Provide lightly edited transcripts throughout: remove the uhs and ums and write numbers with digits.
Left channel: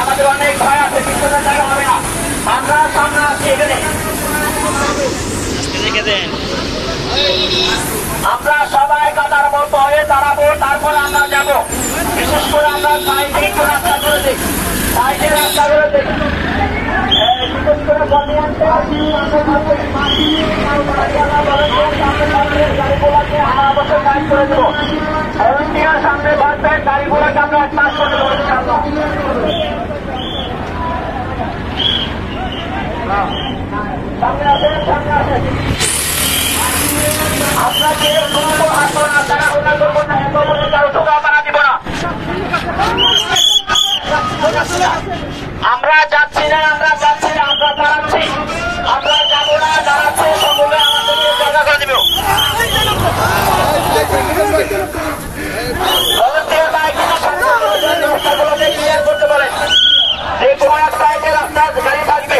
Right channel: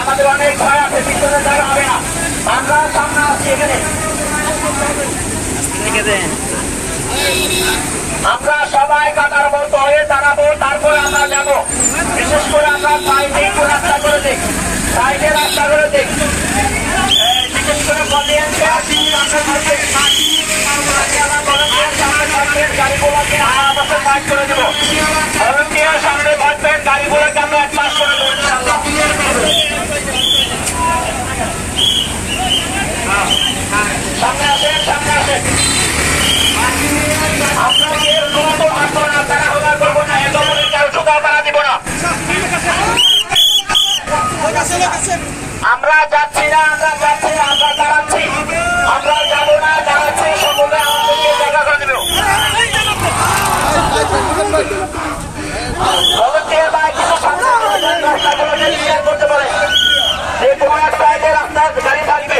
আমাদের অনেক ভয় আছে, পিছনে জায়গা হবে না। আমরা সামনে আসছি, এখানে আমরা সবাই কাতার মতো হয়ে দাঁড়াবো, তারপরে আমরা যাবো। বিশেষ করে আমরা সাইডে একটু রাস্তা করে দিই, সাইডে রাস্তা করে দিই। বিশেষ করে গাড়িগুলোকে আমার বছর সাইড করে দেবো। ভলেন্টিয়ার সামনে ভরবে, গাড়িগুলোকে আমরা পাস করে দেবো। সামনে আসেন, সামনে আসেন। আমরা যাচ্ছি না, আমরা যাচ্ছি না, আমরা দাঁড়াচ্ছি, আমরা যাবো না, দাঁড়াচ্ছি, সকলে আমাদেরকে জায়গা দিয়ে দেব। করতে পারে যে কোনো এক সাইডে আপনার গাড়ি থাকবে।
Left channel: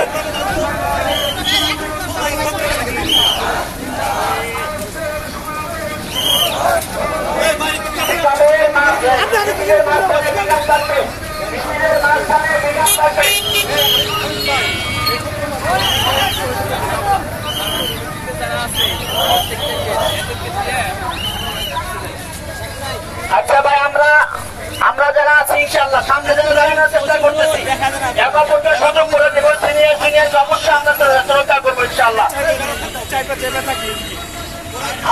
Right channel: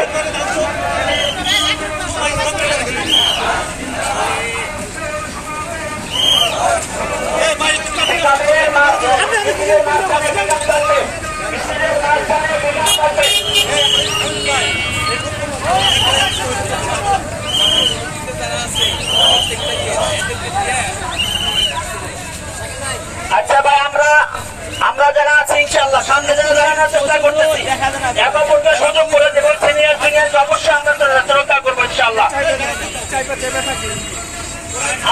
আচ্ছা ভাই, আমরা যারা আছি ইনশাল্লাহ সামনে যেন দাঁড়ানোর চেষ্টা করতেছি, এক অপরকে সুযোগ করে দেবো। সিনিয়র অবশ্যই আমরা শ্রদ্ধা করবো ইনশাল্লাহ।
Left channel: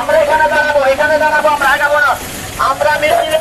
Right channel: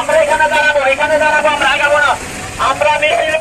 আমরা এখানে দাঁড়াবো, আমরা আগাবো না। আমরা মিছিল